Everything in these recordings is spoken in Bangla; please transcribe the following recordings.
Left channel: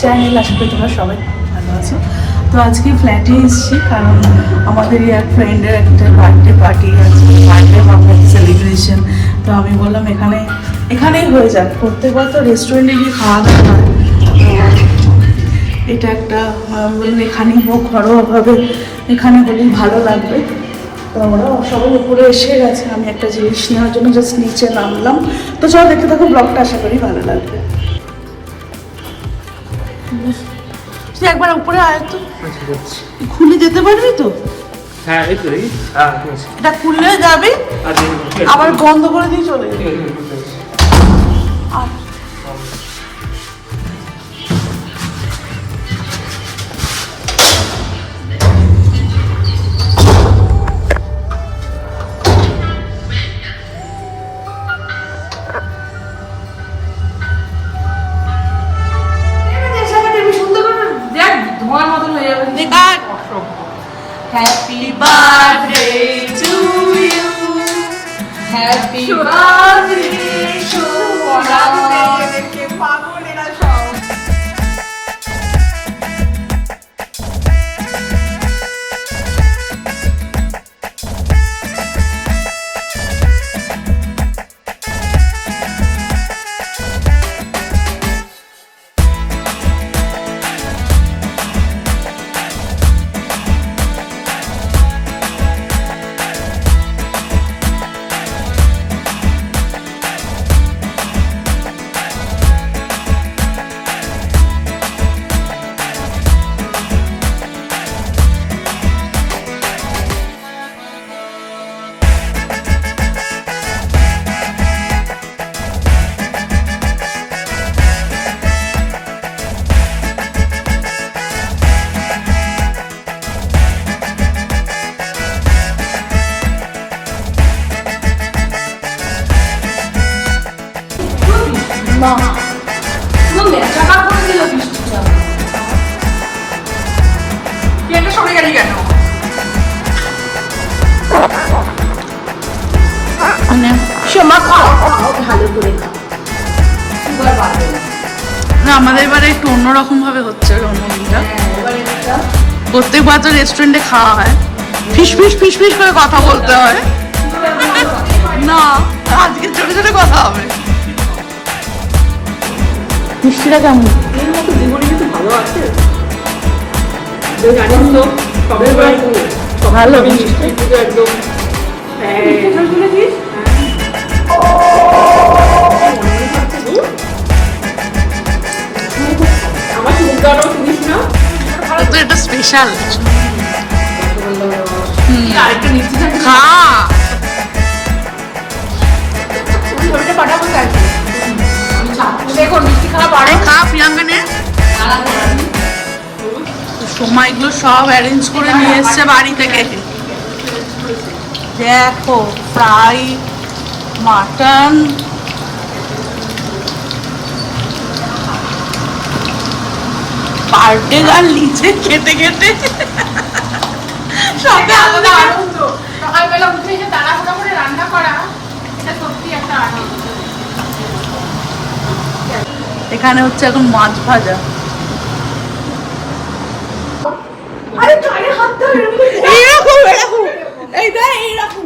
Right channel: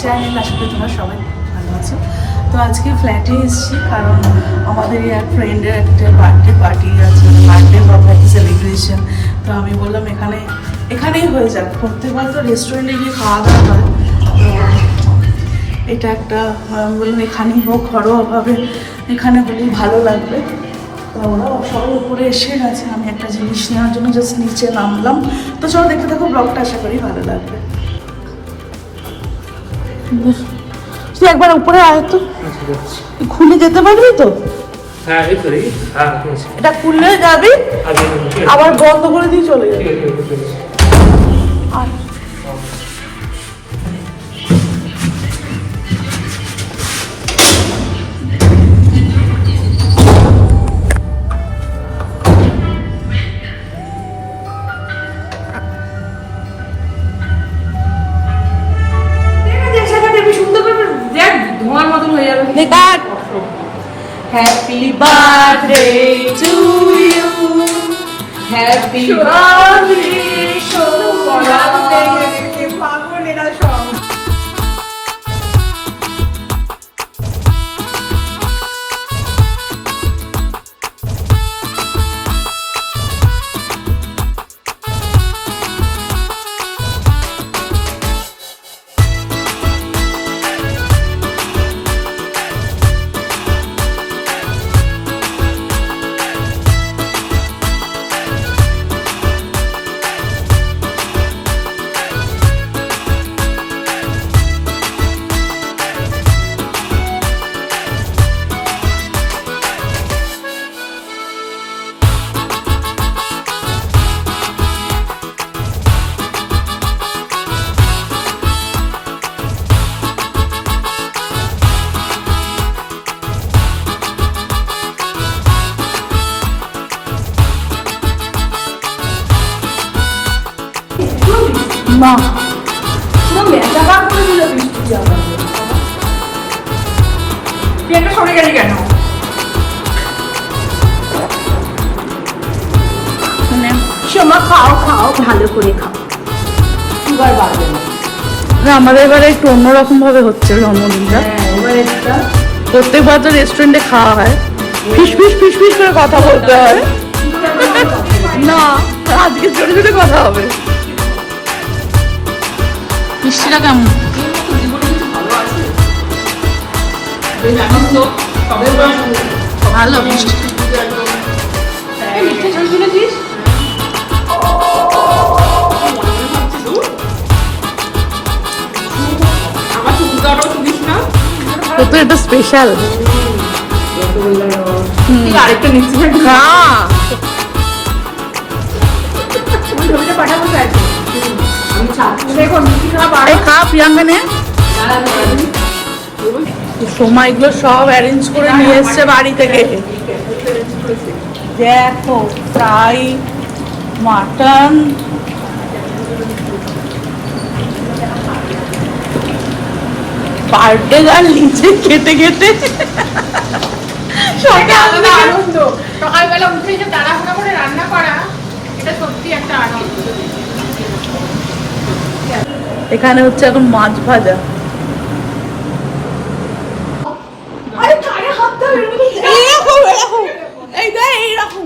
চ্যানেল আশা করি তোমরা সবাই ভালো আছো। তো আজকে ফ্ল্যাটে এসেছি, কারণ আমাদের এক ফ্রেন্ডের একটা বার্থডে পার্টি আছে বার্থডে হবে সেলিব্রেশন তো আমি বললাম, এখানে, এখানেই হয়ে যাক। প্রত্যেকবার তো রেস্টুরেন্টে গিয়ে খাওয়া দাওয়া হয়। তো এটা একটা, আমি বললাম, এখানেই হোক, ঘরোয়াভাবে এখানে হলেই ভালো লাগবে। তো ওরা সবাই উপরে এসে গেছে, আমি একটা জিনিস নেওয়ার জন্য জাস্ট নিচে নামলাম। তো চলো, দেখতে থাকো ব্লগটা আশা করি ভালো লাগবে। তুই একবার উপরে আয় তো। খুলে যেতে পারবি তো? হ্যাঁ? এটা খুললে যাবি আবার বন্ধ করে দিয়ে চলে যাবি। Cut happy birthday to you happy birthday সরে গেলি কেন? সোমা খাও খাও। ভালো করে খাও। সুগার বাড়বে না না আমাদের এবারে একটু অন্যরকম ভাবে হচ্ছে জন্মদিনটা। এবার একটা। প্রত্যেকবার তো রেস্টুরেন্টে খাওয়া হয়। ফিস ফিস ফিস ফিস করে কথা বলতে হয়। না আজকে জোরে জোরে কথা হবে। মিষ্টিটা কেমন? ভালো মিষ্টিটা তো এটা স্পেশাল খা খা প্রিয়াঙ্কা নে। সময় এগুলো সব অ্যারেঞ্জ করে নিয়ে এসছে বাড়ি থেকে। দেখো ফ্রাই মাটন। বার্থডে গাল নিচে কেটে কেটে সকাল আনন্দ। সকালবেলা উঠে এসে তাড়াহুড়ো করে রান্না করা এটা সত্যি একটা আনন্দ। এখানে হচ্ছে এখন মাছ ভাজা। এইরকম এরকম। এই দেখ এইরকম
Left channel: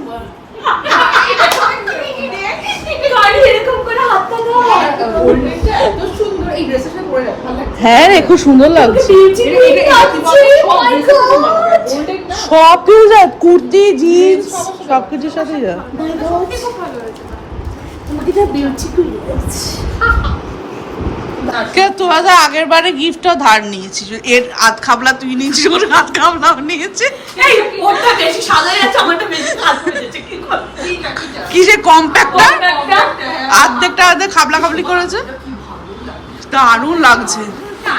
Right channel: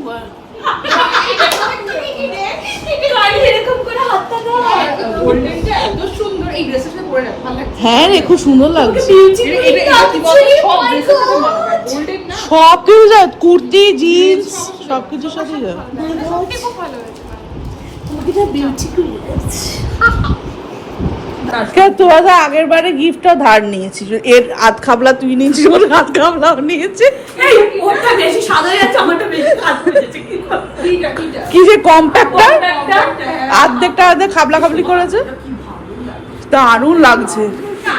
হ্যাঁ রে, খুব সুন্দর লাগছে। সব কিছু কুর্তি জিন্স সব সাথে যা। সত্যি খুব ভালো তোরা তো আগের বারে গিফটটা ধার নিয়েছিস। এর আধ খাবলা তুই নিয়েছিস ওর আধ খাবলাও নিয়েছে। বেশি সাদা যাচ্ছে আমারটা বেশি কাজ করেছে কি যে কম্প্যাক্টার আর্ধেকটা আর্ধেক খাবলা খাবলি করেছে? দারুণ লাগছে।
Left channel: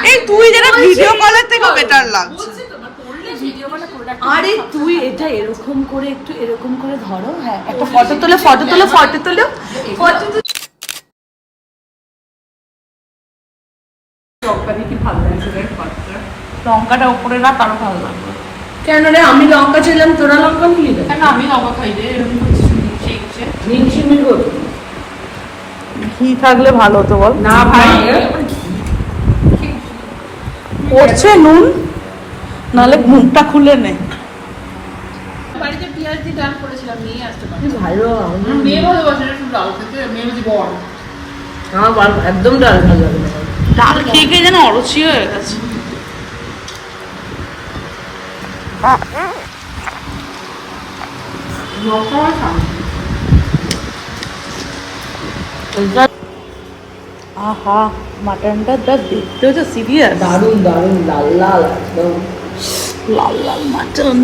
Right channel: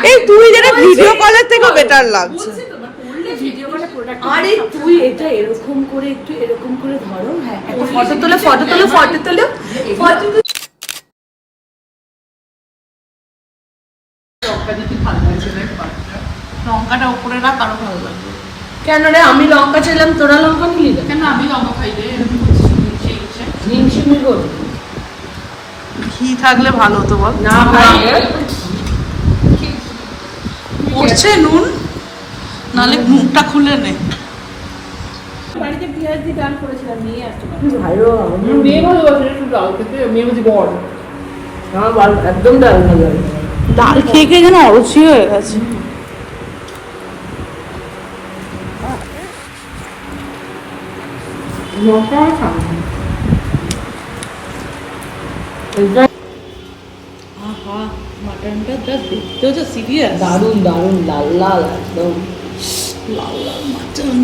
এই তুই যেটা ভিডিও কলের থেকেও বেটার লাগছে। আরে তুই এটা এরকম করে একটু এরকম করে ধরো হ্যাঁ। একটা ফটো তোলো ফটো তোলো ফটো তোলো। ফটো তুলে লঙ্কাটা উপরে রাখ আরও ভালো লাগবে। কেন রে? আমি লঙ্কা ছিলাম তোরা লঙ্কা নিয়ে দাও কেন আমি লঙ্কা খাই রে? করব ঘি থাকলে ভালো হতো বল। না ভাই পড়ছে নুন নালে মুখটা খুলে নে। বাড়িতে পেঁয়াজ দিয়ে ডাল করেছিলাম নিয়ে আসতে পারো ভালো মেয়ে ভালোবাসে একটু ডাল খেতে মেয়ে বলছে বড়। আমার একদম ডাল ভালো লাগে ডাল খেয়ে খেয়ে যেন অরুচি হয়ে গেছে। আহা মাটনটা যা দেখতেও যা সিরিয়াস দারুণ দারুণ লাল লাল একদম। লাল লাল মাটন।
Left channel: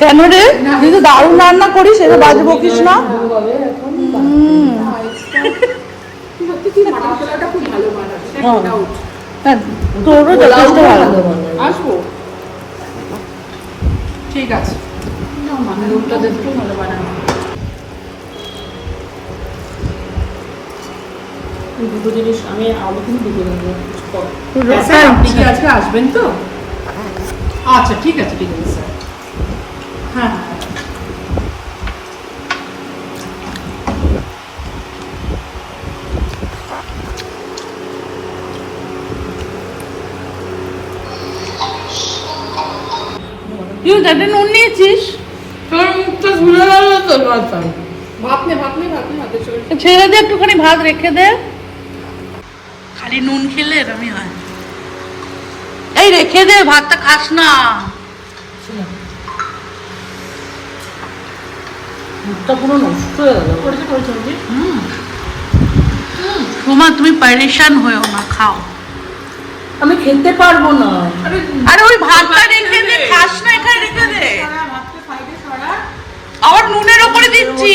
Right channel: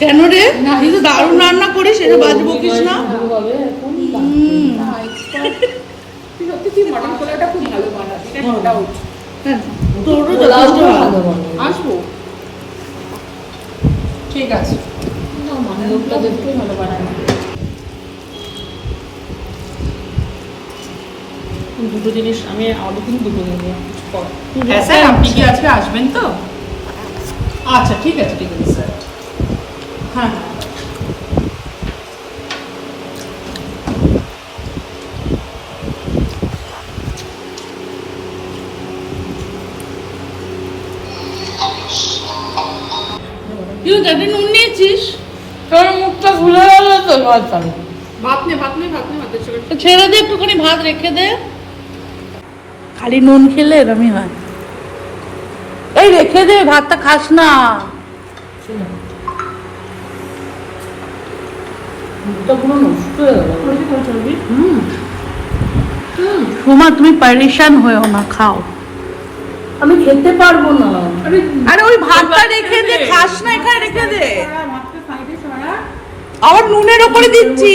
কেন রে? তুই তো দারুণ রান্না করিস এটা বাজে বকিস না তুই মটন পোলাওটা খুব ভালো। বানাবি হ্যাঁ। তোরও যথেষ্ট ভালো আসব। ঠিক আছে। ভালো বানাবি দুটো জিনিস আমি আলু কিন্তু দুটো হ্যাঁ আপনি কি আজকে আসবেন তো? আচ্ছা ঠিক আছে ঠিক আছে স্যার। হ্যাঁ হ্যাঁ। তুই যাতে নুন নিয়েছিস তোর মুখটা ঘুরে গেল তো ভাত নে ভাত নে ভাত নে চোখে ছেড়ে দে একটুখানি ভাত রেখে দে। খালি নুন খেলে এরমই হয়। এই রেখে দে ভাতটা খাস না। সোমা তুমি পারেশান হয়েও না খাও। আমি খেতে পারব না আরে আরে ওই ভাতটা রেখে দে খাস না এখানে রেখে দে ভাতটা সাইডে সরা আবার নুনের ওপরে দিচ্ছি